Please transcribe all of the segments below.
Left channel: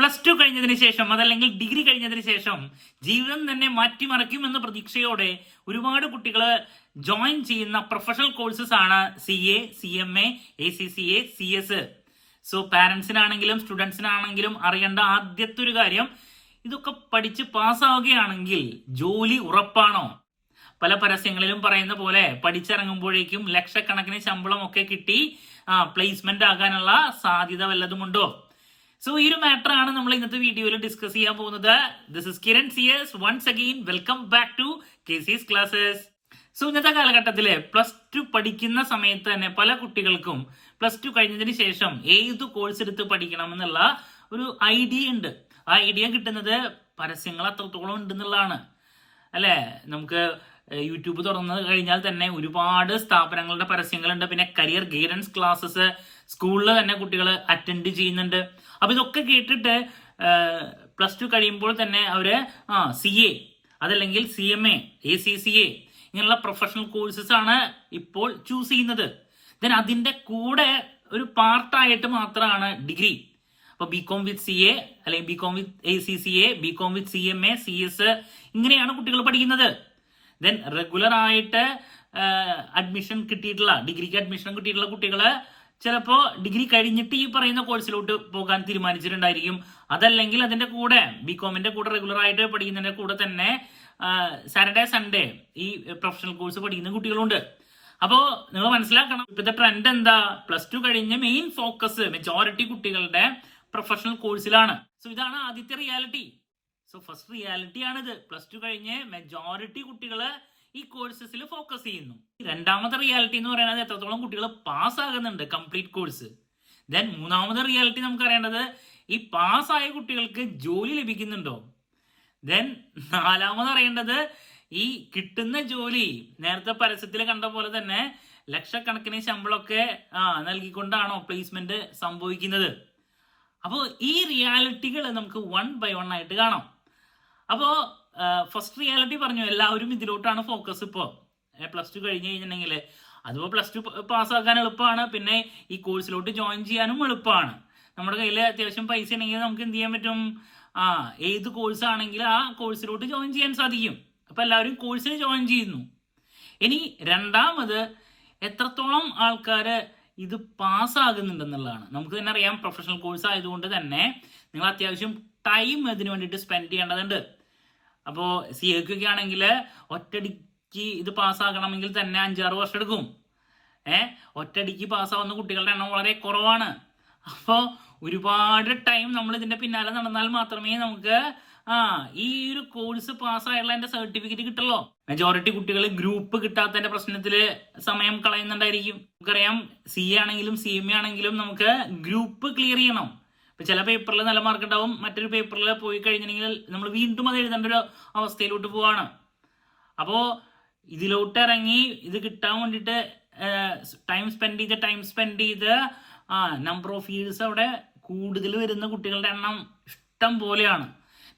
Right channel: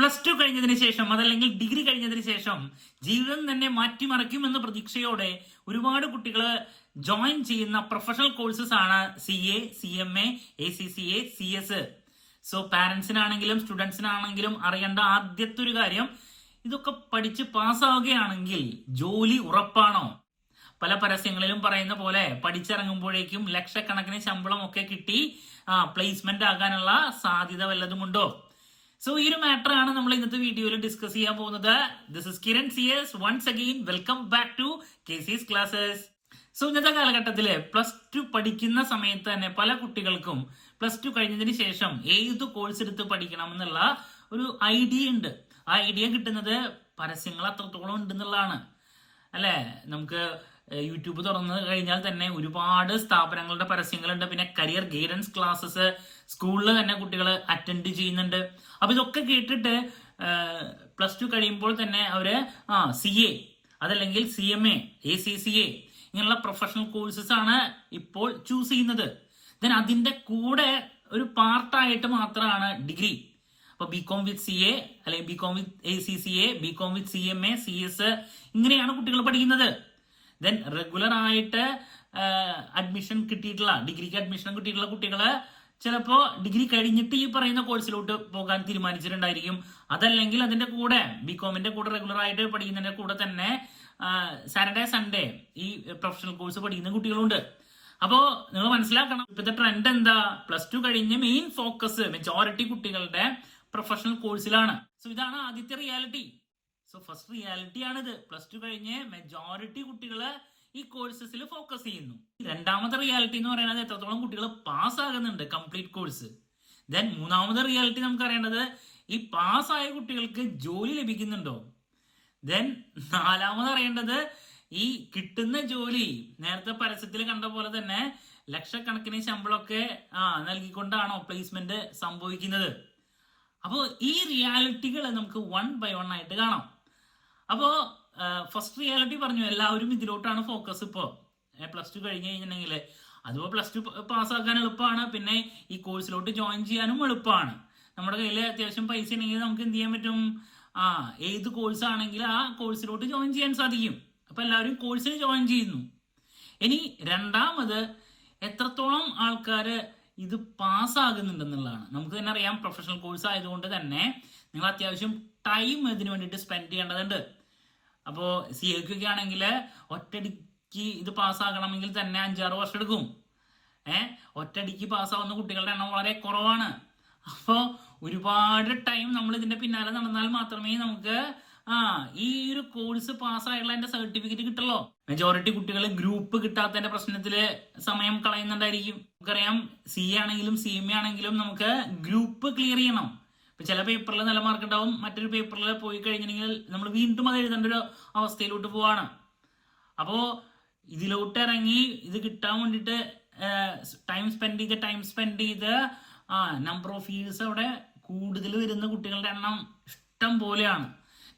Plus two കഴിഞ്ഞതിന് ശേഷം അതല്ലെങ്കിൽ ഡിഗ്രി കഴിഞ്ഞതിന് ശേഷം ജീവിതം തന്നെ മാറ്റിമറിക്കുമെന്ന പ്രതീക്ഷയോടെ ഒരുപാട് കുട്ടികൾ ജോയിൻ ചെയ്യുന്ന പ്രൊഫഷണൽ കോഴ്സസ് ആണ് CA, CMA, ACCA, CS. So പാരന്റ്സിനാണെങ്കിലും സ്റ്റുഡൻസിനാണെങ്കിലും അറിയേണ്ട ആദ്യത്തെ ഒരു കാര്യം, ഇതൊക്കെ പഠിച്ച് പാസ്സാവുകയാണെങ്കിൽ ജോലി ഉറപ്പാണോ? പല പരസ്യങ്ങളിലും പറയുന്ന പോലെ പഠിച്ചിറങ്ങുമ്പോഴേക്കും ലക്ഷക്കണക്കിന് ശമ്പളം ഒക്കെ കിട്ടി പ്ലേസ്മെന്റ് ആകാനുള്ള സാധ്യത വല്ലതുമുണ്ടോ? സോ ഈ ഒരു മാറ്റർ ആണ് നമ്മൾ ഇന്നത്തെ വീഡിയോയിൽ ഡിസ്കസ് ചെയ്യാൻ പോകുന്നത്. This is Kiran CS. Once again welcome back to KC's classes. So ഇന്നത്തെ കാലഘട്ടത്തില് പ്ലസ് ടു പഠിക്കുന്ന സമയത്ത് തന്നെ പല കുട്ടികൾക്കും പ്ലസ് ടു കഴിഞ്ഞതിന് ശേഷം ഏത് കോഴ്സ് എടുത്ത് പഠിക്കണം എന്നുള്ള ഒരു ഐഡിയ ഉണ്ട്. ആ ഐഡിയ കിട്ടുന്നത് പരസ്യങ്ങൾ അത്രത്തോളം ഉണ്ടെന്നുള്ളതാണ് അല്ലെ. നമുക്ക് യൂട്യൂബ് തുറന്നു കഴിഞ്ഞാൽ തന്നെ ഒരുപാട് സ്ഥാപനങ്ങളുടെ പരസ്യങ്ങളുണ്ട്. പിന്നെ കരിയർ ഗൈഡൻസ് ക്ലാസ്സസ് സ്കൂളിൽ തന്നെ കുട്ടികൾ അറ്റൻഡ് ചെയ്യുന്നുണ്ട്. അപ്പൊ ഇതൊക്കെ കേട്ടിട്ട് പ്ലസ് ടു കഴിയുമ്പോൾ തന്നെ അവര് CA അതല്ലെങ്കിൽ CMA, ACCA ഇങ്ങനെയുള്ള പ്രൊഫഷണൽ കോഴ്സസ് ആണ് ഇപ്പോൾ ചൂസ് ചെയ്യുന്നത്. ദെൻ അതിന്റെ കൂടെ ഒരു പാർട്ടായിട്ട് മാത്രമാണ് ഡിഗ്രി. അപ്പൊ BCom വിത്ത് CA അല്ലെങ്കിൽ BCom വിത്ത് ACCA, BCom വിത്ത് CMA, CS ഇങ്ങനെയാണ് കുട്ടികൾ പഠിക്കുന്നത്. ദെൻ റെഗുലർ ആയിട്ട് അഡ്മിഷൻ കിട്ടിയിട്ടുള്ള ഡിഗ്രിക്ക് അഡ്മിഷൻ കിട്ടിയിട്ടുള്ള കുട്ടികള് ചിലപ്പോ ഡിഗ്രി കഴിഞ്ഞിട്ട് ഈ പറയുന്ന കോഴ്സിലോട്ട് പോകാൻ തീരുമാനിച്ചിട്ടുണ്ടായിരിക്കും. അതല്ലെങ്കിൽ അതിന്റെ കൂടെ BComന്റെ കൂടെ റെഗുലർ ആയിട്ട് പഠിക്കുന്നതിന്റെ കൂടെ തന്നെ സാറ്റർഡേ സൺഡേ ഈ പ്രൊഫഷണൽ കോഴ്സ് പഠിക്കുന്ന കുട്ടികളുണ്ട്. അപ്പോ നിങ്ങൾ മനസ്സിലാക്കണം, ഇപ്പോഴത്തെ ട്രെൻഡ് എന്താ? പ്ലസ് ടു കഴിഞ്ഞ് മെയിൻ ഫോക്കസ് മെജോറിറ്റി കുട്ടികളുടെ പ്രൊഫഷണൽ കോഴ്സിലാണ്. സോ ഇതാണ് ആദ്യത്തെ റിയാലിറ്റി. സോ ഫസ്റ്റ് റിയാലിറ്റി ആണിത്. പ്ലസ് ടു കഴിഞ്ഞ് മെജോറിറ്റി കുട്ടികൾ ഈ കോഴ്സസിൽ ഫോക്കസ് ചെയ്യുന്നു. രണ്ടാമത്തെ റിയാലിറ്റി എന്ന് പറയുന്നത് എത്രത്തോളം കുട്ടികൾ പാസ്സാകുന്നുണ്ട് കംപ്ലീറ്റ് കോഴ്സ്. ദെൻ മൂന്നാമത്തെ റിയാലിറ്റി നമുക്ക് അറിയേണ്ടത് ഈ പാസ്സായ കുട്ടികൾക്ക് ജോലി ലഭിക്കുന്നുണ്ടോ. ദെൻ നാലാമത് അറിയേണ്ടത് ഈ കിട്ടുന്ന ജോലി നേരത്തെ പരസ്യത്തിൽ കണ്ട പോലെ തന്നെ ലക്ഷക്കണക്കിന് ശമ്പളമൊക്കെ നൽകിക്കൊണ്ടാണോ പ്ലേസ്മെന്റ് സംഭവിക്കുന്നത്. അപ്പോൾ ഈ റിയാലിറ്റികൾ നമുക്ക് 1 by 1 ആയിട്ട് കാണാം. അപ്പോ ഫസ്റ്റ് റിയാലിറ്റി പറഞ്ഞു, എല്ലാവരും ഇതിലോട്ടാണ് ഫോക്കസ്. ഇപ്പോ പ്ലസ് ടു കഴിഞ്ഞ് കഴിഞ്ഞിട്ടുണ്ടെങ്കിൽ അതിപ്പോ പ്ലസ് ടു പാസ്സാക്കാൻ എളുപ്പമാണ്, പിന്നെ ഈ കോഴ്സിലോട്ട് ജോയിൻ ചെയ്യാനും എളുപ്പമാണ്. നമ്മുടെ കയ്യിൽ അത്യാവശ്യം പൈസ ഉണ്ടെങ്കിൽ നമുക്ക് എന്ത് ചെയ്യാൻ പറ്റും? ഏത് കോഴ്സ് ആണെങ്കിൽ ആ കോഴ്സിലോട്ട് ജോയിൻ ചെയ്യാൻ സാധിക്കും. അപ്പൊ എല്ലാവരും കോഴ്സിൽ ജോയിൻ ചെയ്യുന്നു. ഇനി രണ്ടാമത് എത്രത്തോളം ആൾക്കാര് ഇത് പാസ്സാകുന്നുണ്ടെന്നുള്ളതാണ്. നമുക്ക് തന്നെ അറിയാം, പ്രൊഫഷണൽ കോഴ്സ് ആയതുകൊണ്ട് തന്നെ നിങ്ങൾ അത്യാവശ്യം ടൈം ഇതിനു വേണ്ടിയിട്ട് സ്പെൻഡ് ചെയ്യേണ്ടതുണ്ട്. അപ്പോ CAക്കൊക്കെ ആണെങ്കിൽ ഒറ്റടിക്ക് ഇത് പാസ്സാകണമെങ്കിൽ തന്നെ 5-6 വർഷം എടുക്കും. ഒറ്റടിക്ക് പാസ്സാവുന്ന കുട്ടികളുടെ എണ്ണം വളരെ കുറവാണ്. അപ്പോ ഒരുപാട് ടൈം നമ്മൾ ഇതിന്റെ പിന്നാലെ നടന്നാൽ മാത്രമേ നമുക്ക് ഈ ഒരു കോഴ്സ് പാസ്സായുള്ള എന്റെ സർട്ടിഫിക്കറ്റ് കിട്ടുള്ളൂ. മെജോറിറ്റി കുട്ടികൾ ഗ്രൂപ്പ് കിട്ടാത്തതിന്റെ പ്രശ്നത്തില് സമയം കളയുന്നുണ്ടായിരിക്കും. നമുക്കറിയാം, CA ആണെങ്കിലും CMA ആണെങ്കിലും നമുക്ക് ഗ്രൂപ്പ് ക്ലിയർ ചെയ്യണം. ഇപ്പൊ ചില പേപ്പറിൽ നല്ല മാർക്ക് ഉണ്ടാവും, മറ്റൊരു പേപ്പറിൽ പോയി കഴിഞ്ഞിട്ടുണ്ടെങ്കിൽ നമ്മൾ വീണ്ടും അത് എഴുതേണ്ട ഒരു അവസ്ഥയിലോട്ട് പോവാണ്. അപ്പോ ഇതിലോട്ട് ഇറങ്ങി ഇത് കിട്ടാൻ വേണ്ടിയിട്ട് ടൈം സ്പെൻഡ് ചെയ്ത് നമ്പർ ഓഫ് ഇയേഴ്സ് അവിടെ കൂടുതൽ വരുന്ന കുട്ടികളുടെ എണ്ണം ഇഷ്ടം പോലെയാണ്.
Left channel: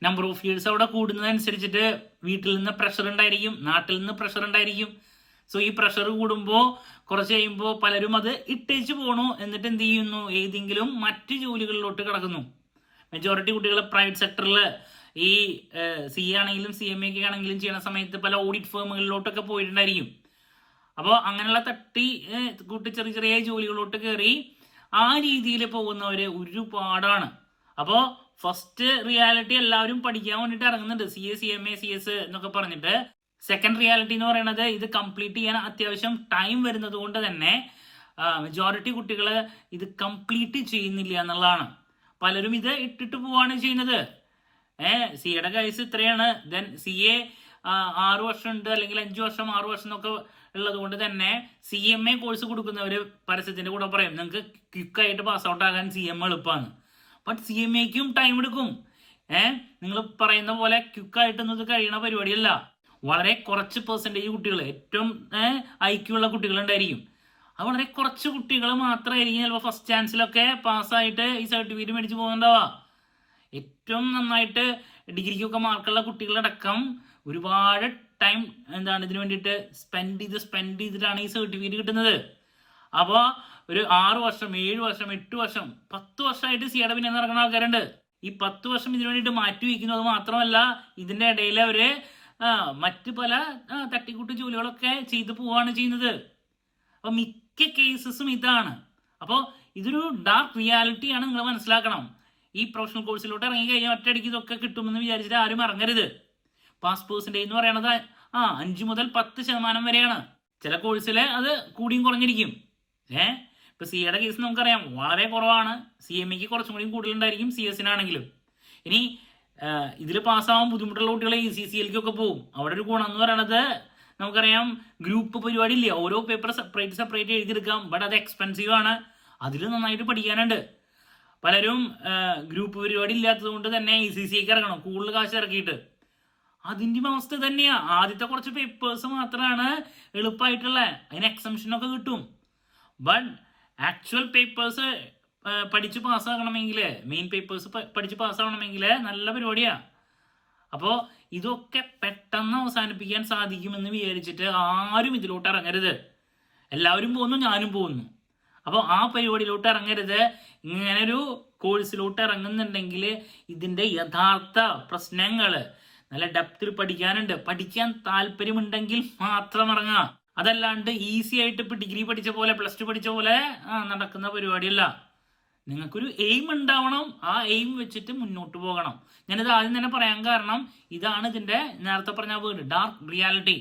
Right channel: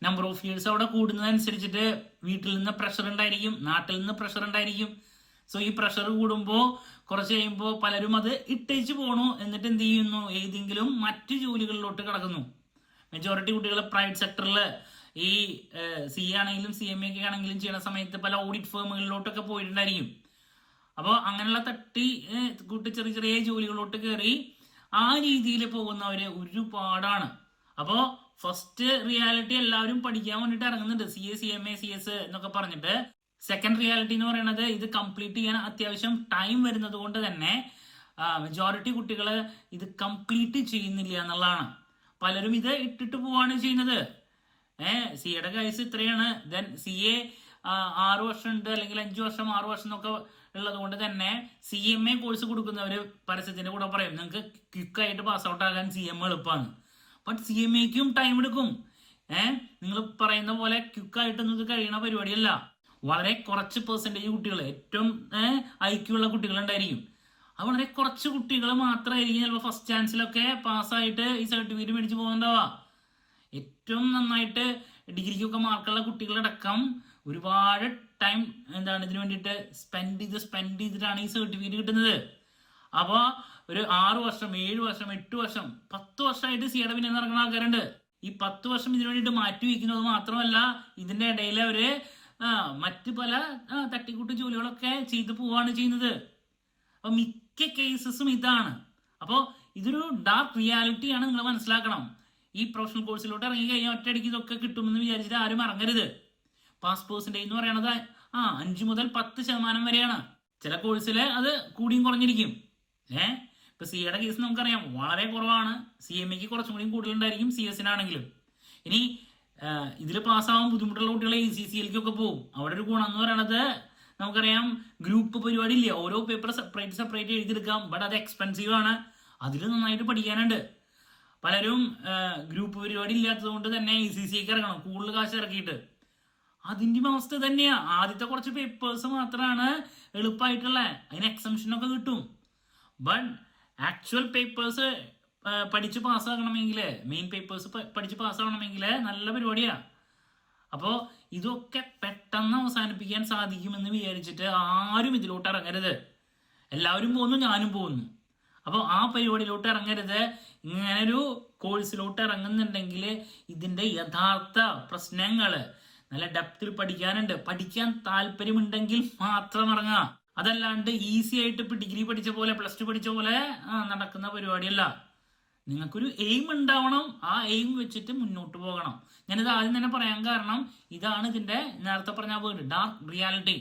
നമ്പർ ഓഫ് ഇയേഴ്സ് അവിടെ കൂടുന്നതനുസരിച്ചിട്ട് വീട്ടിൽ നിന്ന് പ്രഷർ ഉണ്ടായിരിക്കും, നാട്ടിൽ നിന്ന് പ്രഷർ ഉണ്ടായിരിക്കും. സോ ഈ പ്രഷർ കൂടുമ്പോൾ കുറച്ച് കഴിയുമ്പോൾ പലരും അത് ഇട്ടേച്ച് പോണു. എന്നിട്ട് എന്ത് ചെയ്യുന്നു? ഏതെങ്കിലും മറ്റു ജോലികളിലോട്ട് കിടക്കുന്നു. മെജോറിറ്റി കുട്ടികൾ പ്രൈവറ്റ് സെക്ടറിൽ ഈ CA ആണെങ്കിലും CMA ഒക്കെ ആണെങ്കിലും ചെയ്യുന്ന സമയത്ത് പല ഓഡിറ്റ് ഫേമുകളിലോട്ടൊക്കെ പോയിട്ടുണ്ടായിരിക്കും. അപ്പോൾ അങ്ങനെയുള്ള തട്ടി കൂട്ടി ചെറിയ ചെറിയ ജോലികളിലോട്ട് കയറി ആ രീതിയിൽ പോകുന്നവര് ഒരുപാടാണ്. അപ്പോ ഫസ്റ്റ് റിയാലിറ്റി എല്ലാവരും പഠിക്കാൻ വേണ്ടിയിട്ട് ഇറങ്ങുന്നുണ്ട്, CA, CMA, CS എന്നൊക്കെ പറഞ്ഞിട്ട്. സെക്കൻഡ് റിയാലിറ്റി എന്ന് പറയുന്നത് ഇത് കംപ്ലീറ്റ് ചെയ്യാൻ അത്യാവശ്യം ടൈം വരുന്നത് കൊണ്ട് തന്നെ മെജോറിറ്റി കുട്ടികൾ ഇത് കംപ്ലീറ്റ് ചെയ്യുന്നില്ല എന്നുള്ളതാണ്. പലരും ഇത് ഇട്ടിട്ട് പോവാണ് ചെയ്യുന്നത്. CAയുടെ കേസ് ഇത്രയാണ്. ദെൻ CA 6 വർഷം ഉണ്ട്, അല്ലെങ്കിൽ 5 വർഷം 6 വർഷം എന്നൊക്കെ ഉള്ളത് കൊണ്ട് തന്നെ CMA കോഴ്സ് കൊടുക്കുന്നവര് പരസ്യത്തിന്റെ കൂടെ പറയും നിങ്ങൾക്ക് ക്വിക്കായിട്ട് പാസ് ഔട്ട് ആകാൻ CMA എളുപ്പമാണ്. ബട്ട് CMAക്കും ടൈം എടുക്കും. നിങ്ങൾ പറയുന്ന പോലെ ക്വിക്കായിട്ടൊന്നും ഇത് കഴിയണ പരിപാടിയല്ല. വളരെ കുറച്ച് പെർസെൻറ്റേജ് കുട്ടികൾ, ഏറ്റവും IQ ഉള്ള കുട്ടികളുണ്ടായിരിക്കും. അത് വളരെ കുറച്ച് കുട്ടികൾ മാത്രമായിരിക്കും ചിലപ്പോൾ ഫസ്റ്റ് ചാൻസിലൊക്കെ പാസ്സായിട്ട് ഈ സർട്ടിഫിക്കറ്റ് മേടിച്ച് പോകുന്നുണ്ടാവുക. ഏറ്റവും നന്നായിട്ട് ഡിഗ്രിക്കൊക്കെ മാർക്കുള്ള കുട്ടികളടക്കം ഒരുപാട് ടൈം ഇതിനു വേണ്ടിയിട്ട് സ്പെൻഡ് ചെയ്തിട്ടാണ് ഈ സർട്ടിഫിക്കറ്റ് കിട്ടുന്നത്. അപ്പോൾ ഒരു 6 വർഷം 7 വർഷം 8 വർഷം 10 വർഷമായിട്ട് CAയുടെ പിന്നെ നടക്കുന്ന ആൾക്കാരുണ്ട്. ഈ 10 വർഷം ഇതിനു വേണ്ടിയിട്ട് മാറ്റി വയ്ക്കുന്നു. അത് മാത്രമല്ല ഇതിന്റെ ഇടയിൽ അവര് മറ്റ് പല തട്ടിക്കൂട്ട് ജോലികളൊക്കെ ചെയ്തു പോവാണ് ചെയ്യുന്നത്. അപ്പൊ മിക്ക കേസസും ഇതാണ്. അപ്പോൾ ഇതൊരു ഡാർക്ക് റിയാലിറ്റിയാണ്, നിങ്ങൾ മനസ്സിലാക്കണം. ഈ പ്രൊഫഷണൽ കോഴ്സിലോട്ട് ഇറങ്ങി കഴിഞ്ഞാൽ ഒറ്റയടിക്ക് ഇതൊക്കെ കിട്ടുമെന്ന് വിചാരിച്ചിട്ട് ആരും ഇറങ്ങരുത്. പാസ് പെർസെൻറ്റേജ് എന്ന് പറയുന്നത് 5 മുതൽ 10% വരെയാണ്. ചില കോഴ്സിൽ അത് കൂടിയും കുറഞ്ഞിരിക്കും. ഇപ്പൊ സിയുടെ കേസ് നമുക്കറിയാം വളരെ കുറവാണ്. CMAക്ക് കുറച്ചും കൂടി കൂടുതലുണ്ടായിരിക്കും CSനാണെങ്കിലും. ഇനി ഇതിൽ പാസ്സാവാൻ ബുദ്ധിമുട്ടുള്ള കുട്ടികളെ ECCLക്കൊക്കെ പോകും. അവിടെ ഒരു ഗുണം എന്ന് പറയുന്നത് നമുക്കറിയാം ഗ്രൂപ്പ് പരിപാടി ഇല്ല, ഓരോ പേപ്പർ സെപ്പറേറ്റ് എഴുതിയെടുക്കാം. ബട്ട് അത് എക്സ്പെൻസീവ് ആണ്, അതിൽ നന്നായിട്ട് പഠിക്കാനുണ്ട്. പലരും ഗ്രൂപ്പ് പരിപാടി ഇല്ലാത്തത് കൊണ്ട് തന്നെ ECCക്ക് ഇറങ്ങണം കൂടുതൽ കാശ് ഇറക്കിയിട്ട്. അതിൻ്റെ അവസ്ഥ തന്നെയാ. ആദ്യത്തെ കുറച്ച് പേപ്പേഴ്സ് മാത്രമാണ് എളുപ്പമായിട്ടുള്ള, അതിന് എക്സംഷനൊക്കെ കിട്ടും. ബട്ട് ആക്ച്വൽ പേപ്പേഴ്സ് പഠിച്ച് പാസ്സാകണമെങ്കിൽ, മെയിൻ പേപ്പേഴ്സ് പഠിച്ച് പാസ്സാകണമെങ്കിൽ നല്ല പരിപാടിയാ. അപ്പോൾ ഇതൊക്കെ പെട്ടെന്ന് അവസാനിപ്പിക്കാൻ സാധിക്കുമെന്ന് വിചാരിച്ചിട്ട് ആരും ഇതിലോട്ട് ഇറങ്ങരുത്. എല്ലാവരും പോകുന്നു, ഞാനും പോകുന്നു. അപ്പോൾ ആ പരിപാടിയിലോട്ട് ഇറങ്ങരുത്. ഇങ്ങനൊരു കോഴ്സിലോട്ട് ഇറങ്ങുന്നുണ്ടെങ്കിൽ ഇതിൻ്റെ യഥാർത്ഥ പ്രശ്നങ്ങൾ നല്ല ഡെപ്തിൽ പഠിക്കാനുണ്ട്. പഠിക്കാൻ താല്പര്യമുണ്ടെങ്കിൽ മാത്രം ഇറങ്ങുക. അതല്ലാണ്ട് ഈസി ആയിട്ട് ഇപ്പൊ ഡിഗ്രി പഠിച്ച പോലെ +2 പഠിച്ച പോലെ നടക്കുന്ന പരിപാടിയല്ല. നിങ്ങൾക്കൊരു എയിം ഉണ്ടാവണം. ആ എയിം വെച്ചിട്ട് മുന്നോട്ട് പോകണം. ഞാനിത് ആദ്യം തന്നെ പറയാൻ കാരണം ഇതാണ് ഇതിന്റെ നേരത്തെ പറഞ്ഞ വേർഡ് ഡാർക്ക് റിയാലിറ്റി.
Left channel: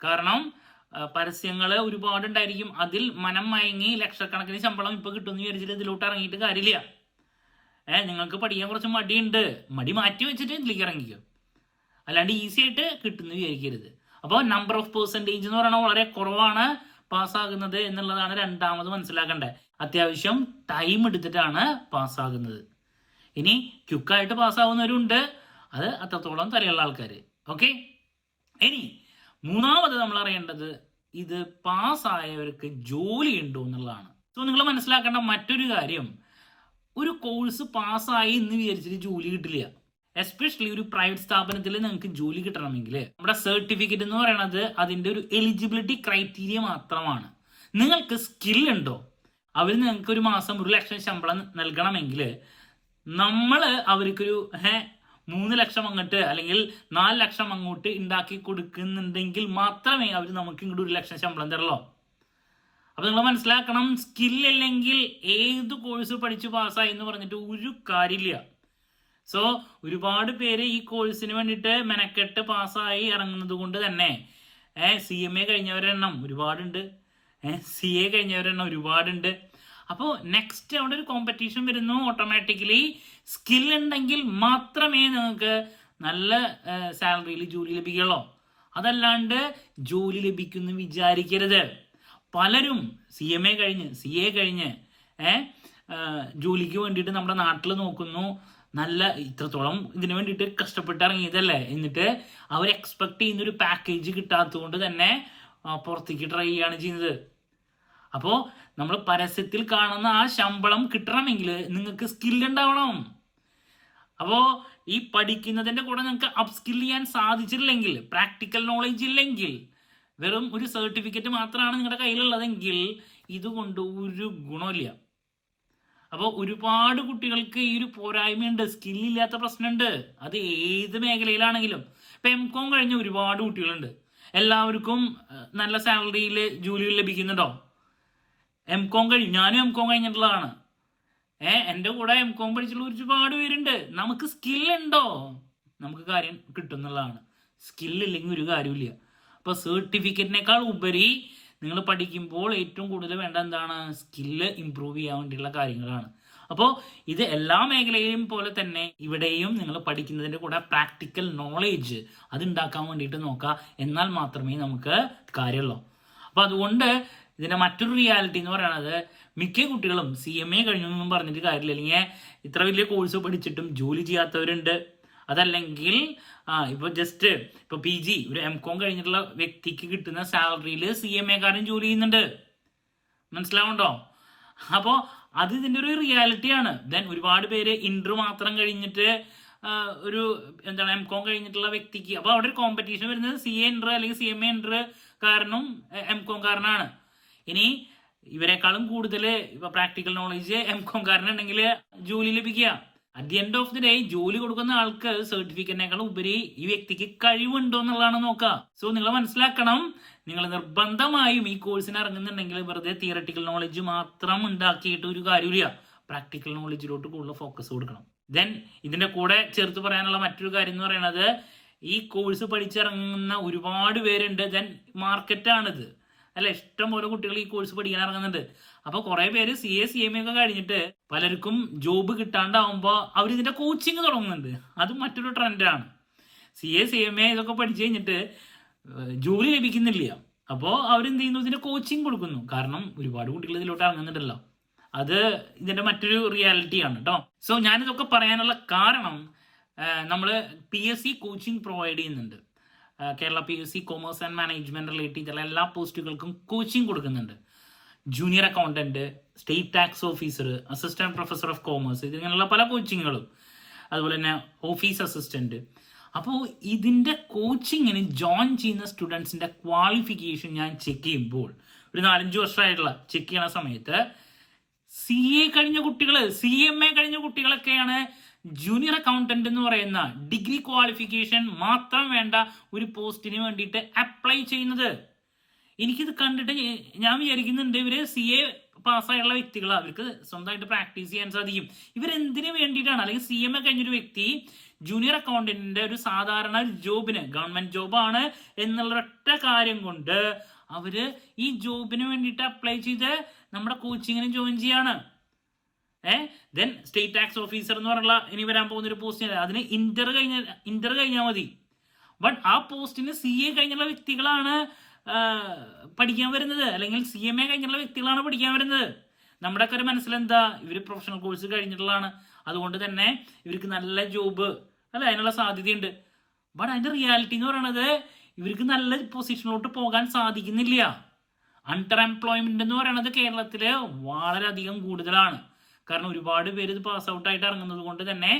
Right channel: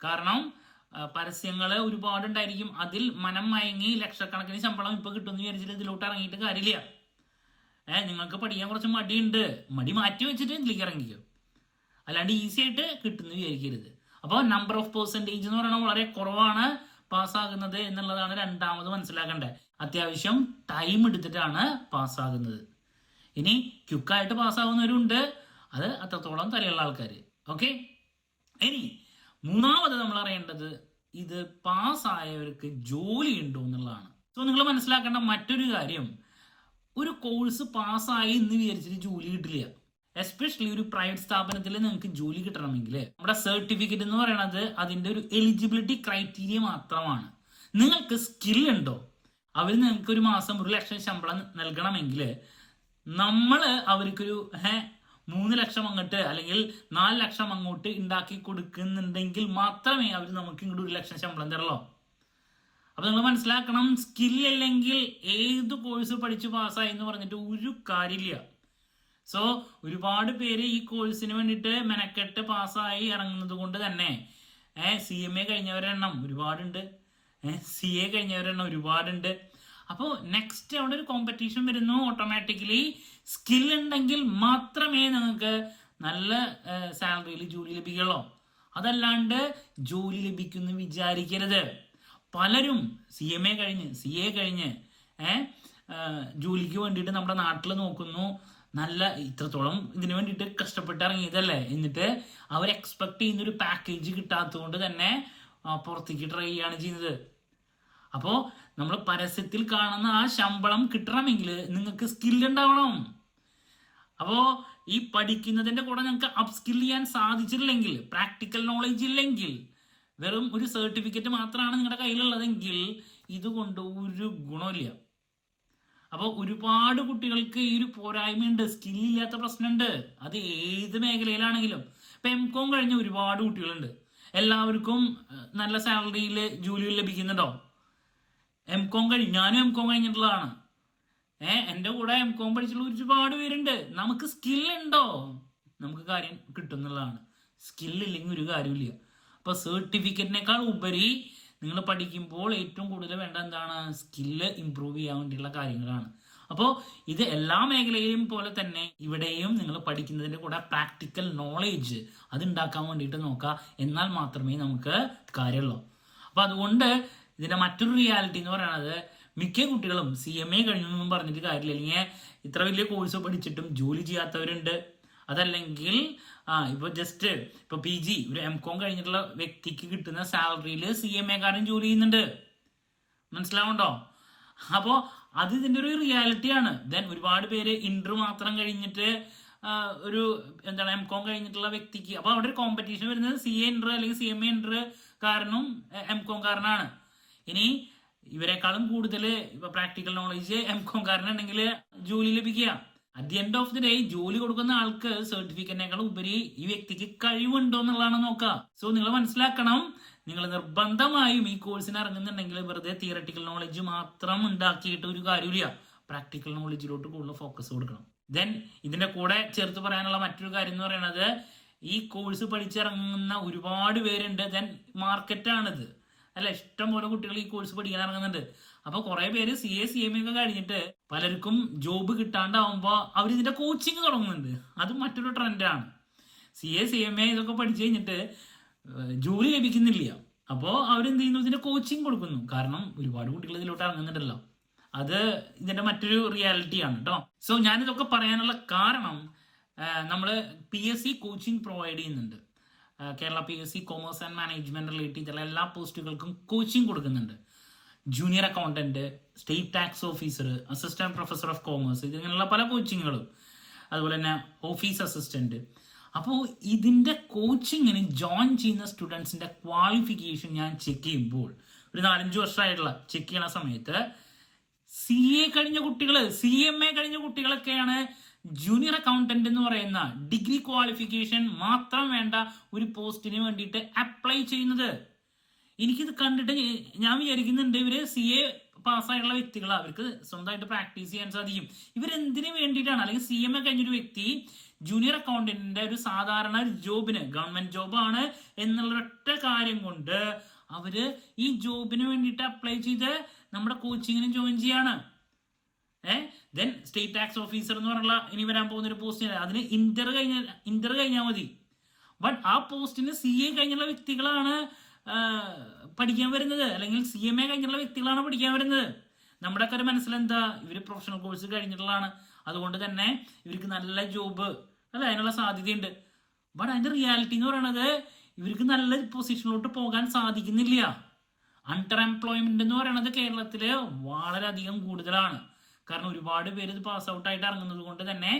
കാരണം പരസ്യങ്ങൾ ഒരുപാടുണ്ടായിരിക്കും. അതിൽ മനം മയങ്ങി ലക്ഷക്കണക്കിന് ശമ്പളം ഇപ്പൊ കിട്ടുമെന്ന് വിചാരിച്ചിട്ട് ഇതിലോട്ട് ഇറങ്ങിയിട്ട് കാര്യമില്ല. നിങ്ങൾക്ക് പഠിക്കാൻ കുറച്ച് മടിയുണ്ട്, മടി മാറ്റി വെച്ചിട്ട് ഇതിലേക്ക് ഇറങ്ങിക്കും. അല്ലാണ്ട് ഈസി ആയിട്ട് കിട്ടുമെന്ന് വിചാരിക്കരുത്. അപ്പോൾ നമ്പർ ഓഫ് പെർസെൻറ്റേജ് എന്ന് പറയുന്നത് വളരെ കുറവാണ് പാസ്സാകുന്നത് എന്നുള്ളതാണ് രണ്ടാമത് മനസ്സിലാക്കേണ്ടത്. അത്യാവശ്യം ടൈം എടുത്തിട്ടാണ് പാസ്സാകുന്നത്. ഇനി ക്വിക്കായിട്ട് പാസ്സാവുന്നവരുണ്ട്, അത് അത്രത്തോളം തലയുള്ള ആൾക്കാർ. ഓക്കെ, ഇനി മൂന്നാമത് നമ്മൾ അറിയേണ്ടത് ഇത് പാസ്സായവർക്ക് ജോലി ഉണ്ടോ എന്നുള്ളതാണ്. സോ നിങ്ങൾ മനസ്സിലാക്കേണ്ട മറ്റൊരു കാര്യം, ഒരു കോഴ്സ് പാസ്സായി എന്ന് വിചാരിച്ചിട്ട് ജോലി കിട്ടില്ല. എസ്പെഷ്യലി ഒരു പ്രൈവറ്റ് സ്ഥാപനത്തിൽ നിങ്ങൾക്ക് ജോലി കിട്ടണമെങ്കിൽ നമ്മുടെ സർട്ടിഫിക്കറ്റ് എന്ന് പറയുന്നത് അതിന്റെ ഒരു എലിജിബിലിറ്റി ക്രൈറ്റീരിയ മാത്രമാണ്. നിങ്ങൾക്ക് സ്കിൽ ഉണ്ടോ, അവർ നിങ്ങൾക്ക് ഒരു മാസം 1 ലക്ഷം ശമ്പളം നൽകണമെങ്കിൽ നമ്മൾ അവർക്കൊരു 3 ലക്ഷം അങ്ങോട്ട് അല്ലെങ്കിൽ 4 ലക്ഷം അങ്ങോട്ട് ഉണ്ടാക്കി കൊടുക്കുന്നുണ്ടെങ്കിൽ മാത്രമേ അവർ നമുക്ക് ഇങ്ങോട്ട് 1 ലക്ഷം ശമ്പളം തരുള്ളൂ. അപ്പൊ നിങ്ങൾ മനസ്സിലാക്കണം, സ്കില്ലില്ലെങ്കിൽ ഏത് കോഴ്സ് പഠിച്ച് പാസ്സായി എന്ന് പറഞ്ഞിട്ട് ഒരു കാര്യമില്ല. സോ ഒരുപാട് പേര് ഈ കോഴ്സിന് വേണ്ടിയിട്ട് മെനക്കെട്ട് പാസ്സായി ഇറങ്ങുന്നത് കൊണ്ട് തന്നെ CMA കഴിഞ്ഞവരുടെ എണ്ണം ഒരുപാടുണ്ട്, CA കഴിഞ്ഞവരുടെ എണ്ണം ഒരുപാടുണ്ട്. അപ്പോൾ നെക്സ്റ്റ് അവിടെ ഒരു കോമ്പറ്റീഷൻ വരുന്നു. ഓട്ടോമാറ്റിക്കലി സ്കിൽ ഉണ്ടെങ്കിൽ മാത്രമേ നിങ്ങൾക്ക് നല്ല സാലറിയിൽ ജോലി ലഭിക്കുള്ളൂ. അതല്ലാണ്ട് ജോലി ലഭിക്കുമെന്ന് വിചാരിക്കരുത്. പലരും CMA കഴിഞ്ഞ് CA കഴിഞ്ഞ് ജോലിക്ക് വേണ്ടിയിട്ട് നമ്മുടെ നാട്ടിൽ നോക്കുന്നു. നല്ല ഇത്രത്തോളം ഇതിനു വേണ്ടിയിട്ട് കഷ്ടപ്പെട്ട് ഇറങ്ങിയതല്ലേ, എന്നിട്ട് അവർ എക്സ്പെക്ട് ചെയ്യുന്ന ഒരു പാക്കേജ് കിട്ടാത്തത് കൊണ്ട് തന്നെ പുറത്തേക്ക് ട്രൈ ചെയ്യാണ് ചെയ്യുന്നത്. അപ്പോൾ നമ്മൾ പരസ്യത്തിൽ കാണുന്ന ആ ശമ്പളം കിട്ടണമെങ്കിൽ നിങ്ങൾക്ക് സ്കിൽ ഉണ്ടാവണം. അപ്പോൾ ഈ പഠിക്കുന്നതിന്റെ കൂടെ നിങ്ങൾക്ക് അപ്സ്കിൽ ചെയ്യാൻ സാധിച്ചിട്ടില്ലെങ്കിൽ, പ്രാക്ടിക്കൽ നോളേജ് ഇല്ലെങ്കിൽ, വെറും ഒരു സർട്ടിഫിക്കറ്റ് മാത്രമാണ് നിങ്ങളുടെ കയ്യിലുള്ളതെങ്കിൽ ഇതുകൊണ്ട് ഒരു ഗുണമില്ല. അപ്പോൾ ഒരുപാട് കുട്ടികൾക്ക് ഈ ഒരു പോരായ്മയുണ്ട്, സ്കില്ലില്ലാത്ത പ്രശ്നമുണ്ട്. അത് ഏത് മേഖലയിലാണെങ്കിലും. ഇപ്പം MCOM കഴിഞ്ഞ ഒരുപാട് കുട്ടികളുണ്ട്. എല്ലാവർക്കും നല്ല സാലറിയിൽ ജോലികൾ ലഭിക്കുന്നുണ്ടോ? MCOM ഞാനും MCOM കഴിഞ്ഞിട്ടുള്ളതാണ്. എൻ്റെ കൂടെ MCOM പഠിച്ചുള്ള ഒരുപാട് പേരുണ്ട്. നമുക്ക് സ്കില്ലുണ്ടോ നമുക്ക് കാര്യം കിട്ടുന്നുള്ളതാണ്. സ്കില്ലില്ലെങ്കിൽ ഒരു കാര്യമില്ല. അപ്പോൾ സർട്ടിഫിക്കറ്റിനേക്കാൾ ഉപരി നിങ്ങൾ പഠിക്കുമ്പോൾ ഏറ്റവും കൂടുതൽ വേണ്ട എന്താണ്? സ്കില്ല് ഇംപ്രൂവ് ചെയ്യാൻ വേണ്ടിയുള്ള കാര്യങ്ങളാണ്. അപ്പോൾ ഇത് എല്ലാ മേഖലയിലും പോലെ തന്നെ ഇവിടെയും നിങ്ങൾ പഠിക്കുന്നതിൻ്റെ കൂടെ പ്രാക്ടിക്കൽ നോളേജ് അത് ഉണ്ടാക്കാൻ വേണ്ടിയിട്ട് നോക്കുക. എന്നാൽ മാത്രമേ നമുക്ക് കാര്യമുള്ളൂ. അപ്പോൾ അതുകൊണ്ട് ഇതിൻ്റെ മറ്റൊരു റിയാലിറ്റി എന്ന് പറയുന്നത് മിക്ക കുട്ടികളും CMA കഴിഞ്ഞൊന്നും പറഞ്ഞിട്ട് കാര്യമില്ല. അല്ലെങ്കിൽ ഇത്ര വലിയ കോഴ്സ് പഠിച്ചിട്ടും ജോലി ചെയ്യാത്തവരുണ്ട്. അതല്ലെങ്കിൽ ഇപ്പൊ ജസ്റ്റ് ഇപ്പൊ PG ഒരു MCOM കഴിഞ്ഞിട്ടുള്ള വ്യക്തിക്ക് കിട്ടുന്ന സാലറിയിൽ CMA കാരൻ ജോലി ചെയ്യുന്നുണ്ട്. മനസ്സിലാവുണ്ടോ? അപ്പോൾ അത് ഇതിന്റെ ഒരു റിയാലിറ്റിയാണ്. ദെൻ ഒരുപാട് പേര് ഇന്റർ മാത്രം കഴിഞ്ഞിട്ട് ഒരു എന്താണ് MCOM കഴിഞ്ഞിട്ടുള്ള വ്യക്തിക്ക്, അപ്പോൾ അവിടെ ഒരു കോമ്പറ്റീഷൻ വരുന്നത് CA ഇന്റർ അല്ലെങ്കിൽ CMA ഇന്റർ കാരനും MCOM കാരനാണ്. ഇനി ഇവരെക്കാളും കൂടുതൽ ഇപ്പൊ പ്രാക്ടിക്കൽ നോളേജ് MCOM കാരനുണ്ടെങ്കിൽ ജോലി ലഭിക്കുക. At the end of the day ജോലി കൊടുക്കുന്ന ആൾക്ക് സർട്ടിഫിക്കറ്റിനേക്കാൾ ഉപരി ഈ വ്യക്തിക്ക് കഴിവുണ്ടോ എന്നുള്ളതാണ് നോക്കുക. സോ നിങ്ങൾ മനസ്സിലാക്കണം, നിങ്ങൾ നിർബന്ധമായും ഈ കോഴ്സിന് ഇറങ്ങുന്നുണ്ടെങ്കിൽ വെറുതെ തിയറട്ടിക്കൽ നോളജ് മാത്രം ഉണ്ടാക്കിയിട്ട് ഒരു കാര്യമില്ല. പ്രാക്ടിക്കൽ നോളജിലോട്ട് കൂടുതൽ ഫോക്കസ് കൊടുക്കണം. ദെൻ ഇതിന്റെ കൂടെ ചേർത്ത് പറയാനുള്ള മറ്റൊരു കാര്യം എന്ന് പറയുന്നത്, ഈ കോഴ്സ് പഠിച്ചിറങ്ങുന്ന ഒരുപാട് പേരുണ്ട്. ദെൻ മാർക്കറ്റാണിത് അല്ലെ, ഇഷ്ടം പോലെ കുട്ടികൾ ഈ കോഴ്സ് പഠിക്കാൻ ഇറങ്ങുന്നുണ്ട്. അപ്പൊ കുറെ പേര് CA CMA ഒക്കെ കഴിഞ്ഞിട്ട് പലർക്കും ജോബ് കിട്ടാണ്ടാവുമ്പോ അവർ ഇതിന്റെ കോച്ചിങ് തുടങ്ങുന്നുണ്ട്. അത് മറ്റൊരു ട്രെൻഡാണ്. CA CMA ഇതൊക്കെ പഠിച്ചു കഴിഞ്ഞിട്ട് ജോലി ലഭിക്കുന്നില്ല. അപ്പോൾ അവരെന്ത് ചെയ്യുന്നു, ഇതിന്റെ കോച്ചിങ് കൊടുക്കുന്നു. കാരണം ഒരുപാട് കുട്ടികൾ ഇതിലോട്ട് ഇറങ്ങുന്നുണ്ടല്ലോ. അത് ഇതിന്റെ മറ്റൊരു റിയാലിറ്റിയാണ് കേട്ടോ. സോ ഞാനിതൊക്കെ പറയാനുള്ള കാരണം, നമ്മൾ PSC കോച്ചിങ് പ്രൊവൈഡ് ചെയ്യുന്നുണ്ട്. Kerala PSC commerce and management related ചെയ്തുള്ള എല്ലാ പോസ്റ്റുകൾക്കും കോച്ചിങ് കൊടുക്കുന്നുണ്ട്. Junior accountant, state tax officer, assistant professor of commerce, ഇതിങ്ങനെയുള്ള പല കോച്ചിങ്ങുകളും, അതുപോലെ തന്നെ ഓഫീസ് അസിസ്റ്റന്റ്. അപ്പോൾ ഇതിന്റെ കോച്ചിങ്ങിന് ജോയിൻ ചെയ്യുന്ന സ്റ്റുഡൻസിന്റെ ക്വാളിഫിക്കേഷൻ ഞാൻ ചെക്ക് ചെയ്യുമ്പോൾ, ഒരു 4-5 വർഷമായിട്ടുള്ള ചെക്ക് ചെയ്യണ സമയത്ത് CA കഴിഞ്ഞ കുട്ടികൾ, CMA കഴിഞ്ഞ കുട്ടികളൊക്കെയാണ് ജൂനിയർ അക്കൗണ്ടന്റ് എന്ന് പറയുന്ന ഡിഗ്രി ക്വാളിഫിക്കേഷൻ മാത്രം വേണ്ട ഒരു പോസ്റ്റിന് വേണ്ടിയിട്ട് അപ്ലൈ ചെയ്യുന്നത്. എനിക്കിത് കണ്ടിട്ട് ഞാൻ വിചാരിക്കുന്നുണ്ട്, ഇവര് CA പാസ്സായുള്ള വ്യക്തികളാണ്, അവർക്ക് സ്വന്തമായിട്ട് പ്രാക്ടീസ് ചെയ്യാൻ സാധിക്കും. ഇവരെന്തിനു വേണ്ടിയിട്ടാണ്, അല്ലെങ്കിൽ CMA കഴിഞ്ഞൊരു വ്യക്തി ജൂനിയർ അക്കൗണ്ടന്റിന്റെ ഒരു സാധാരണ ജോബിന്, ഗവൺമെന്റ് ജോബാണ് എന്നുള്ള ഒറ്റ കാര്യം കൊണ്ട് അവര് ഈ ജോബിന് വേണ്ടിയിട്ട് അപ്ലൈ ചെയ്ത് നമ്മുടെ കോച്ചിങ്ങിന് ജോയിൻ ചെയ്യാണ്. ദെൻ സ്റ്റേറ്റ് ടാക്സ് ഓഫീസർ എന്ന് പറഞ്ഞുള്ള ഇനി വരാൻ പോകുന്ന ഒരു പോസ്റ്റ്, അതിന് ഇന്റർ കഴിഞ്ഞാൽ മതി. ബട്ട് ആ പോസ്റ്റിന് CA കഴിഞ്ഞുള്ള വ്യക്തികളാണ് പഠിക്കാൻ വരുന്നത്, അല്ലെങ്കിൽ CMA കഴിഞ്ഞുള്ള വ്യക്തികളാണ് പഠിക്കാൻ വരുന്നത്. നമ്മുടെ ഒക്കെ ഒരു മനസ്സിലെന്താ, ഇവര് പ്രൊഫഷണൽ കോഴ്സ് കഴിഞ്ഞിട്ടുള്ളതാണ്, അതുകൊണ്ട് തന്നെ ഇവർക്ക് നല്ല ജോബ് അല്ല അതിനുള്ള സാധ്യതയുണ്ട്. ബട്ട് അതിന്റെ റിയാലിറ്റി എന്ന് പറയുന്നത്, ഇവർക്ക് നല്ല പൊസിഷനിലോട്ട് പോകാൻ സാധിക്കുന്നില്ല. അണ്ടർ എംപ്ലോയ്മെന്റ് എന്ന് പറയുന്നത് കേരളത്തില് വളരെയധികം കൂടുതലാണ്. കാരണം ഒരുപാട് പേര് ഇത് പാസ് ഔട്ട് ആയിട്ട് ഇറങ്ങുന്നത് കൊണ്ട് തന്നെ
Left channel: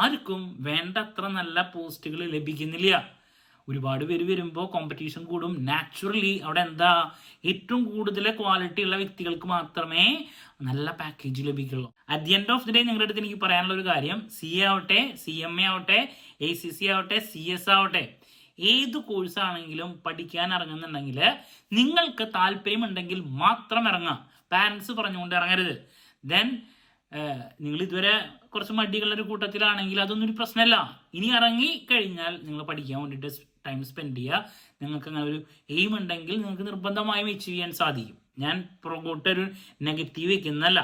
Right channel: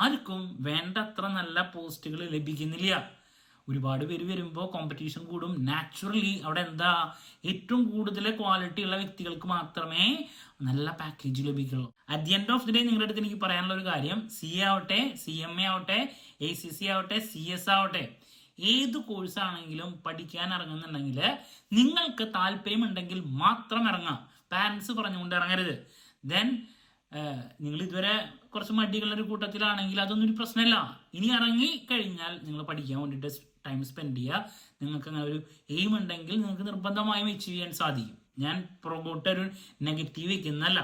ആർക്കും വേണ്ടത്ര നല്ല പോസ്റ്റുകൾ ലഭിക്കുന്നില്ല. ഒരുപാട് പേര് വരുമ്പോൾ കോമ്പറ്റീഷൻ കൂടും. നാച്ചുറലി അവിടെ എന്താ, ഏറ്റവും കൂടുതൽ ക്വാളിറ്റി ഉള്ള വ്യക്തികൾക്ക് മാത്രമേ നല്ല പാക്കേജ് ലഭിക്കുള്ളൂ. At the end of the day നിങ്ങളുടെ അടുത്ത് എനിക്ക് പറയാനുള്ള ഒരു കാര്യം, CA ആവട്ടെ, CMA ആവട്ടെ, ACC ആവട്ടെ, CS ആവട്ടെ, ഏത് കോഴ്സ് ആണെങ്കിലും പഠിക്കാൻ ഇറങ്ങുന്നുണ്ടെങ്കിൽ നിങ്ങൾക്ക് താല്പര്യമുണ്ടെങ്കിൽ മാത്രം ഇറങ്ങാം. പാരന്റ്സ് പറഞ്ഞുകൊണ്ട് ഇറങ്ങരുത്. ദെൻ നിങ്ങൾ ഇതുവരെ കുറച്ച് മടികളുടെ ഒരു കൂട്ടത്തിലാണെങ്കിൽ അതൊന്നും ഒരു പ്രശ്നമല്ല. ഇനി ഇറങ്ങി കഴിഞ്ഞാൽ നിങ്ങൾ പഠിക്കാൻ വേണ്ടിയിട്ട് ടൈം സ്പെൻഡ് ചെയ്യുക. നിങ്ങൾക്ക് അങ്ങനെ ഒരു എയിം ഉണ്ടെങ്കിൽ നിങ്ങൾക്ക് നിർബന്ധമായും അച്ചീവ് ചെയ്യാൻ സാധിക്കും. ഞാൻ പുറകോട്ടൊരു നെഗറ്റീവ് വയ്ക്കുന്നല്ല.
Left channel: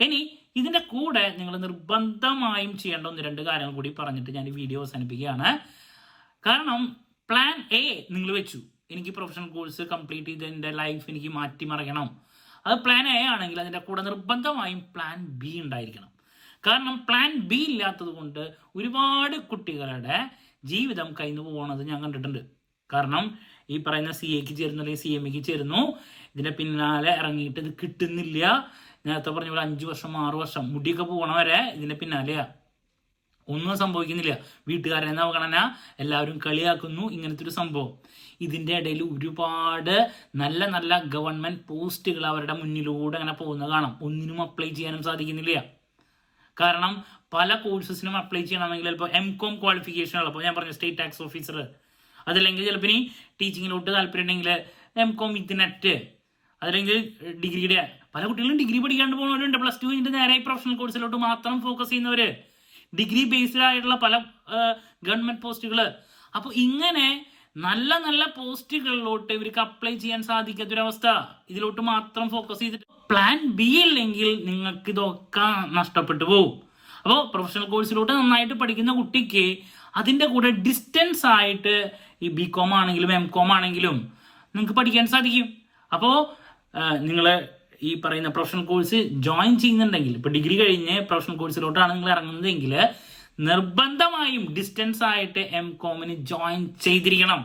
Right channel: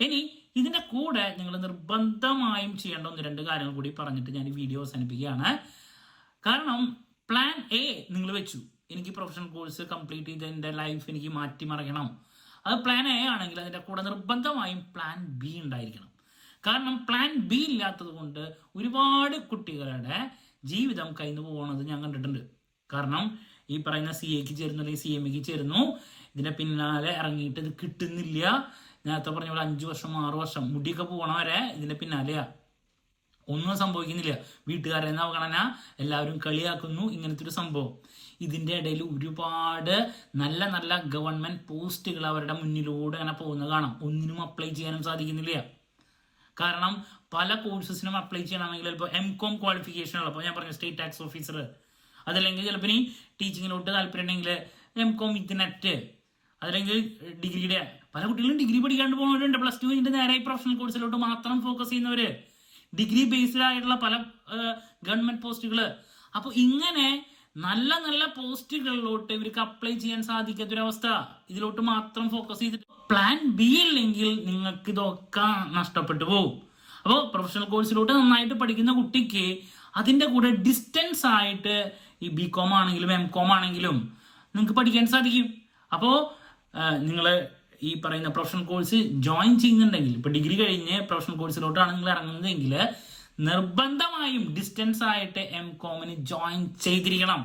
ഇനി ഇതിന്റെ കൂടെ നിങ്ങൾ നിർബന്ധമായും ചെയ്യേണ്ട 1-2 കാര്യങ്ങൾ കൂടി പറഞ്ഞിട്ട് ഞാൻ ഈ വീഡിയോ അവസാനിപ്പിക്കുകയാണ്. കാരണം പ്ലാൻ A നിങ്ങൾ വെച്ചു, എനിക്ക് പ്രൊഫഷണൽ കോഴ്സ് കംപ്ലീറ്റ് ചെയ്ത് എൻ്റെ ലൈഫ് എനിക്ക് മാറ്റിമറിയണം. അത് പ്ലാൻ A ആണെങ്കിൽ അതിൻ്റെ കൂടെ നിർബന്ധമായും പ്ലാൻ B ഉണ്ടായിരിക്കണം. കാരണം പ്ലാൻ B ഇല്ലാത്തത് കൊണ്ട് ഒരുപാട് കുട്ടികളുടെ ജീവിതം കഴിഞ്ഞു പോകുന്നത് ഞാൻ കണ്ടിട്ടുണ്ട്. കാരണം ഈ പറയുന്ന CAക്ക് ചേരുന്നു അല്ലെങ്കിൽ CMAക്ക് ചേരുന്നു, ഇതിന്റെ പിന്നാലെ ഇറങ്ങിയിട്ട് ഇത് കിട്ടുന്നില്ല. നേരത്തെ പറഞ്ഞ പോലെ 5 വർഷം 6 വർഷം മുടിയൊക്കെ പോകണ വരെ ഇതിന്റെ പിന്നാലെയാ, ഒന്നും സംഭവിക്കുന്നില്ല. വീട്ടുകാരെ അവഗണന, എല്ലാവരും കളിയാക്കുന്നു, ഇങ്ങനത്തെ ഒരു സംഭവം. ഇതിന്റെ ഇടയിൽ ഒരുപാട് നല്ല നല്ല ഗവൺമെന്റ് പോസ്റ്റുകൾ അവരുടെ മുന്നിലൂടെ അങ്ങനെ പോകുന്നത് കാണാം. ഒന്നിനും അപ്ലൈ ചെയ്യാനും സാധിക്കുന്നില്ല. കാരണം പല കോഴ്സസിനും അപ്ലൈ ചെയ്യണമെങ്കിൽ ചിലപ്പോൾ MCOM ക്വാളിഫിക്കേഷൻ ഉള്ളപ്പോൾ, ഞാൻ പറഞ്ഞു സ്റ്റേറ്റ് ടാക്സ് ഓഫീസർ, അതല്ലെങ്കിൽ ചിലപ്പോൾ ഇനി ടീച്ചിങ്ങിലോട്ട് താല്പര്യം ഉണ്ടെങ്കിൽ MCOM വിത്ത് നെറ്റ്, അതല്ലെങ്കിൽ ഡിഗ്രിയുടെ, പല കുട്ടികളും ഡിഗ്രി പഠിക്കാണ്ട് പോകുന്നവരുണ്ട്. +2 കഴിഞ്ഞിട്ട് നേരെ പ്രൊഫഷണൽ കോഴ്സിലോട്ട് മാത്രം ഫോക്കസ് ചെയ്യുന്നവര്, ഡിഗ്രി ബേസ്ഡ് ആയിട്ടുള്ള പല ഗവൺമെന്റ് പോസ്റ്റുകൾ. അപ്പൊ ഇങ്ങനെ നല്ല നല്ല പോസ്റ്റുകളിലോട്ട് ഇവർക്ക് അപ്ലൈ ചെയ്യാൻ സാധിക്കാത്തൊരവസ്ഥ. ഇതിലോട്ട് മാത്രം ഫോക്കസ് ചെയ്തിട്ട് പ്ലാൻ B ഇല്ലെങ്കിൽ നിങ്ങൾക്ക് ഇതൊക്കെ നഷ്ടപ്പെട്ടു പോകും. അപ്പോൾ പ്രൊഫഷണൽ കോഴ്സിലോട്ട് നന്നായിട്ട് പഠിക്കുന്ന കുട്ടിക്ക് അതിന്റെ കൂടെ ഡിസ്റ്റൻസ് ആയിട്ട് ഈ BCom ആണെങ്കിലും MCOM ആണെങ്കിലും നിങ്ങൾക്ക് പഠിക്കാൻ സാധിക്കും. അപ്പോൾ നിങ്ങൾ ഈ പറയുന്ന പ്രൊഫഷണൽ കോഴ്സ് ജോയിൻ ചെയ്യുന്നുണ്ടെങ്കിൽ, ഇപ്പൊ ഡിഗ്രി കഴിഞ്ഞ് പ്രൊഫഷണൽ കോഴ്സിലോട്ടാണ് നിങ്ങൾ ഇറങ്ങുന്നതെങ്കിൽ നിർബന്ധമായും ഡിസ്റ്റൻസ് ആയിട്ട് MCOMന് ജോയിൻ ചെയ്തിരിക്കണം.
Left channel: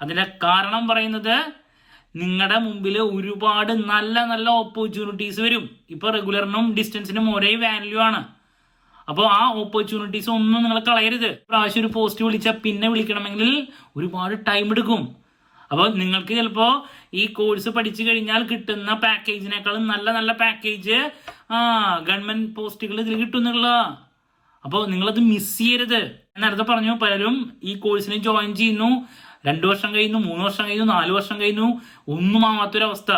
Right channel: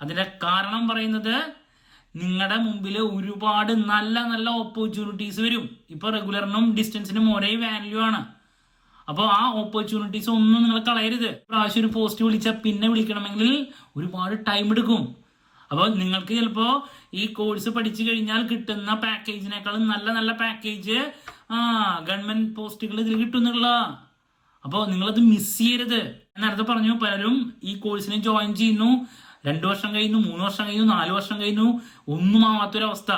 അതിന്റെ കാരണം പറയുന്നത്, നിങ്ങളുടെ മുമ്പിൽ ഒരുപാട് നല്ല നല്ല ഓപ്പർച്യൂണിറ്റീസ് വരും. ഇപ്പൊ റെഗുലറിനും ഡിസ്റ്റൻസിനും ഒരേ വാല്യൂ ആണ്. അപ്പോൾ ആ ഓപ്പർച്യൂണിറ്റീസ് ഒന്നും നിങ്ങൾ കളയരുത്. പ്രാവശ്യം ഒരു പോസ്റ്റ് വിളിച്ചാൽ പിന്നെ വിളിക്കണമെങ്കിൽ ഒരുപാട് ടൈം എടുക്കും. അപ്പോൾ നിങ്ങൾക്ക് ചിലപ്പോൾ ഈ കോഴ്സ് പഠിച്ചു കഴിഞ്ഞാൽ കിട്ടുന്ന പാക്കേജിനേക്കാളും നല്ല നല്ല പാക്കേജ് ഗവൺമെന്റ് പോസ്റ്റുകൾ ഇതിൽ കിട്ടുന്നുള്ള. അപ്പോൾ നിങ്ങളത് മിസ് ചെയ്യരുത്. നേരത്തെ പറഞ്ഞു, പലരും ഈ കോഴ്സിന് ജോയിൻ ചെയ്യുന്നു, 2 വർഷം കഴിയുന്നു, 3 വർഷം കഴിയുന്നു, 4 വർഷം കഴിയുന്നു, ഒന്നും ആവാത്തൊരവസ്ഥ.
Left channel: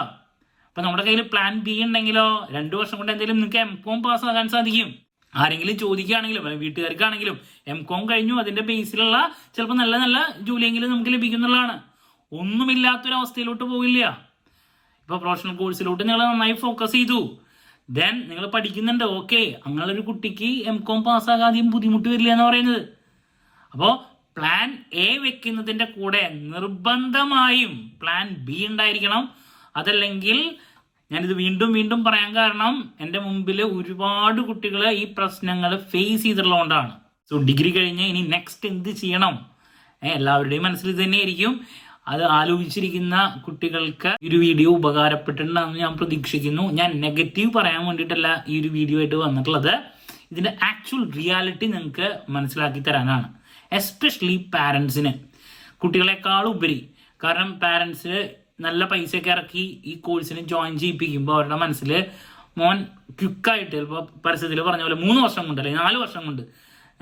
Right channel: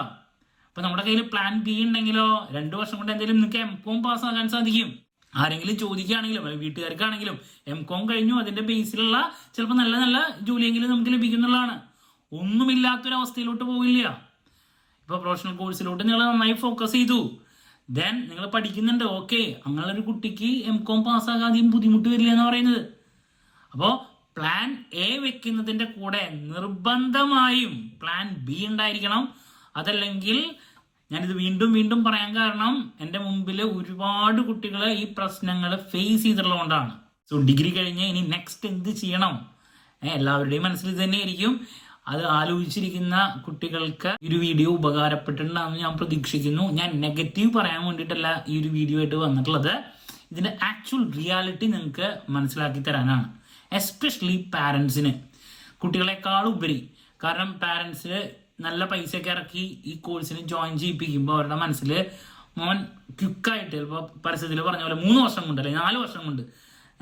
അപ്പൊ നമ്മുടെ കയ്യിൽ പ്ലാൻ ബി ഉണ്ടെങ്കിലോ 2 വർഷം കൊണ്ട് എന്തെങ്കിലും നിങ്ങൾക്ക് M.Com പാസ്സാകാൻ സാധിക്കും. ആരെങ്കിലും ചോദിക്കുകയാണെങ്കിലും അല്ലെങ്കിൽ വീട്ടുകാർക്കാണെങ്കിലും M.Com കഴിഞ്ഞു, അതിന്റെ ബേസിലുള്ള ചിലപ്പോൾ നല്ല നല്ല ജോലിയെങ്കിലും നമുക്ക് ലഭിക്കുന്നുള്ളതാണ്. ഒന്നുമില്ലാത്തൊരവസ്ഥയിലോട്ട് പോകില്ല. ഇപ്പൊ പ്രൊഫഷണൽ കോഴ്സിലോട്ട് നിങ്ങൾ നന്നായി ഫോക്കസ് ചെയ്തു, ദെൻ നിങ്ങൾ പഠിക്കുന്നുണ്ട്, ഓക്കെ, അങ്ങനെയുള്ളൊരു കുട്ടിക്ക് M.Com പാസ്സാകാതെയും ബുദ്ധിമുട്ട് വരില്ല എന്ന് പറയുന്നത്. അപ്പോൾ പ്ലാൻ എ വെക്കുന്നതിന്റെ കൂടെ നിർബന്ധമായും പ്ലാൻ ബി ഉണ്ടായിരിക്കണം. അതല്ലെങ്കിൽ, ഞാനിത് വീണ്ടും വീണ്ടും പറയാൻ കാരണം എൻ്റെ മുമ്പിൽ ഒരുപാട് കുട്ടികൾ ഈ പ്രശ്നങ്ങൾ ഫേസ് ചെയ്തിട്ടുള്ളതുകൊണ്ടാണ്. സോ ഡിഗ്രി കഴിഞ്ഞ് ഇനി നെക്സ്റ്റ് എന്ത് ചെയ്യണം, എല്ലാവരുടെയും മനസ്സിൽ ഇത് തന്നെയായിരിക്കും. അത് ആലോചിച്ചിരിക്കുന്ന കുട്ടികൾക്ക് ഈ ഒരു വീഡിയോ ഉപകാരപ്പെട്ടിട്ടുണ്ടെന്ന് ഞാൻ പ്രതീക്ഷിക്കുന്നു. ഞാൻ നെഗറ്റീവ് പറയാൻ വേണ്ടിയിട്ടല്ല ഈ ഒരു വീഡിയോ ആയിട്ട് വന്നിട്ടുള്ളത്, ഇതിന്റെ ആക്ച്വൽ റിയാലിറ്റി നിങ്ങൾക്ക് മനസ്സിലാക്കി തരാനാണ്. എസ്പെഷ്യലി പാരൻസിന്, കുട്ടികളെക്കാൾ ഉപരി. കാരണം പാരൻസ് നല്ല പൈസയൊക്കെ ഇറക്കി ഈ കോഴ്സിന് ജോയിൻ ചെയ്യിപ്പിക്കുമ്പോൾ അവരുടെ മനസ്സിൽ മോൻ ക്വിക്കായിട്ട്, ചിലപ്പോൾ പരസ്യത്തിൽ പറഞ്ഞ പോലെ 3 വർഷം കൊണ്ട് അല്ലെങ്കിൽ 4 വർഷം കൊണ്ട്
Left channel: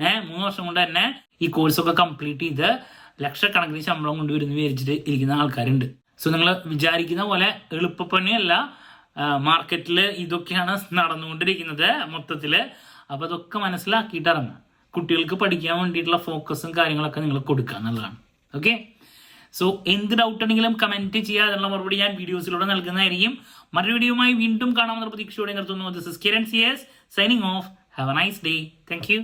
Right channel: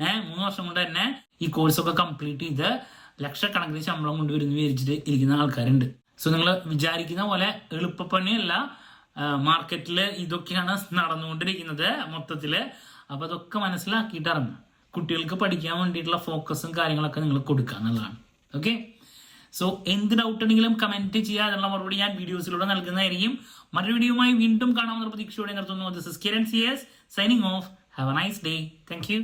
3 വർഷം കൊണ്ട് തന്നെ ഈ കോഴ്സൊക്കെ കംപ്ലീറ്റ് ചെയ്ത് ലക്ഷക്കണക്കിന് ശമ്പളം കൊണ്ടുവരുന്ന വിചാരിച്ചിട്ട് ഇരിക്കുന്ന ആൾക്കാരുണ്ട്. സോ നിങ്ങൾ വിചാരിക്കുന്ന പോലെ എളുപ്പപ്പണിയല്ല, മാർക്കറ്റിൽ ഇതൊക്കെയാണ് നടന്നുകൊണ്ടിരിക്കുന്നത് മൊത്തത്തില്. അപ്പൊ അതൊക്കെ മനസ്സിലാക്കിയിട്ട് ഇറങ്ങുക. കുട്ടികൾക്ക് പഠിക്കാൻ വേണ്ടിയിട്ടുള്ള ഫോക്കസും കാര്യങ്ങളൊക്കെ നിങ്ങൾ കൊടുക്കുക എന്നുള്ളതാണ്. ഓക്കെ, സോ എന്ത് ഡൗട്ട് ഉണ്ടെങ്കിലും കമന്റ് ചെയ്യുക, അതിനുള്ള മറുപടി ഞാൻ വീഡിയോസിലൂടെ നൽകുന്നതായിരിക്കും. മറ്റൊരു വീഡിയോയുമായി വീണ്ടും കാണാമെന്ന പ്രതീക്ഷയോടെ നിർത്തുന്നു. This is Kiran CS signing off. Have a nice day. Thank U.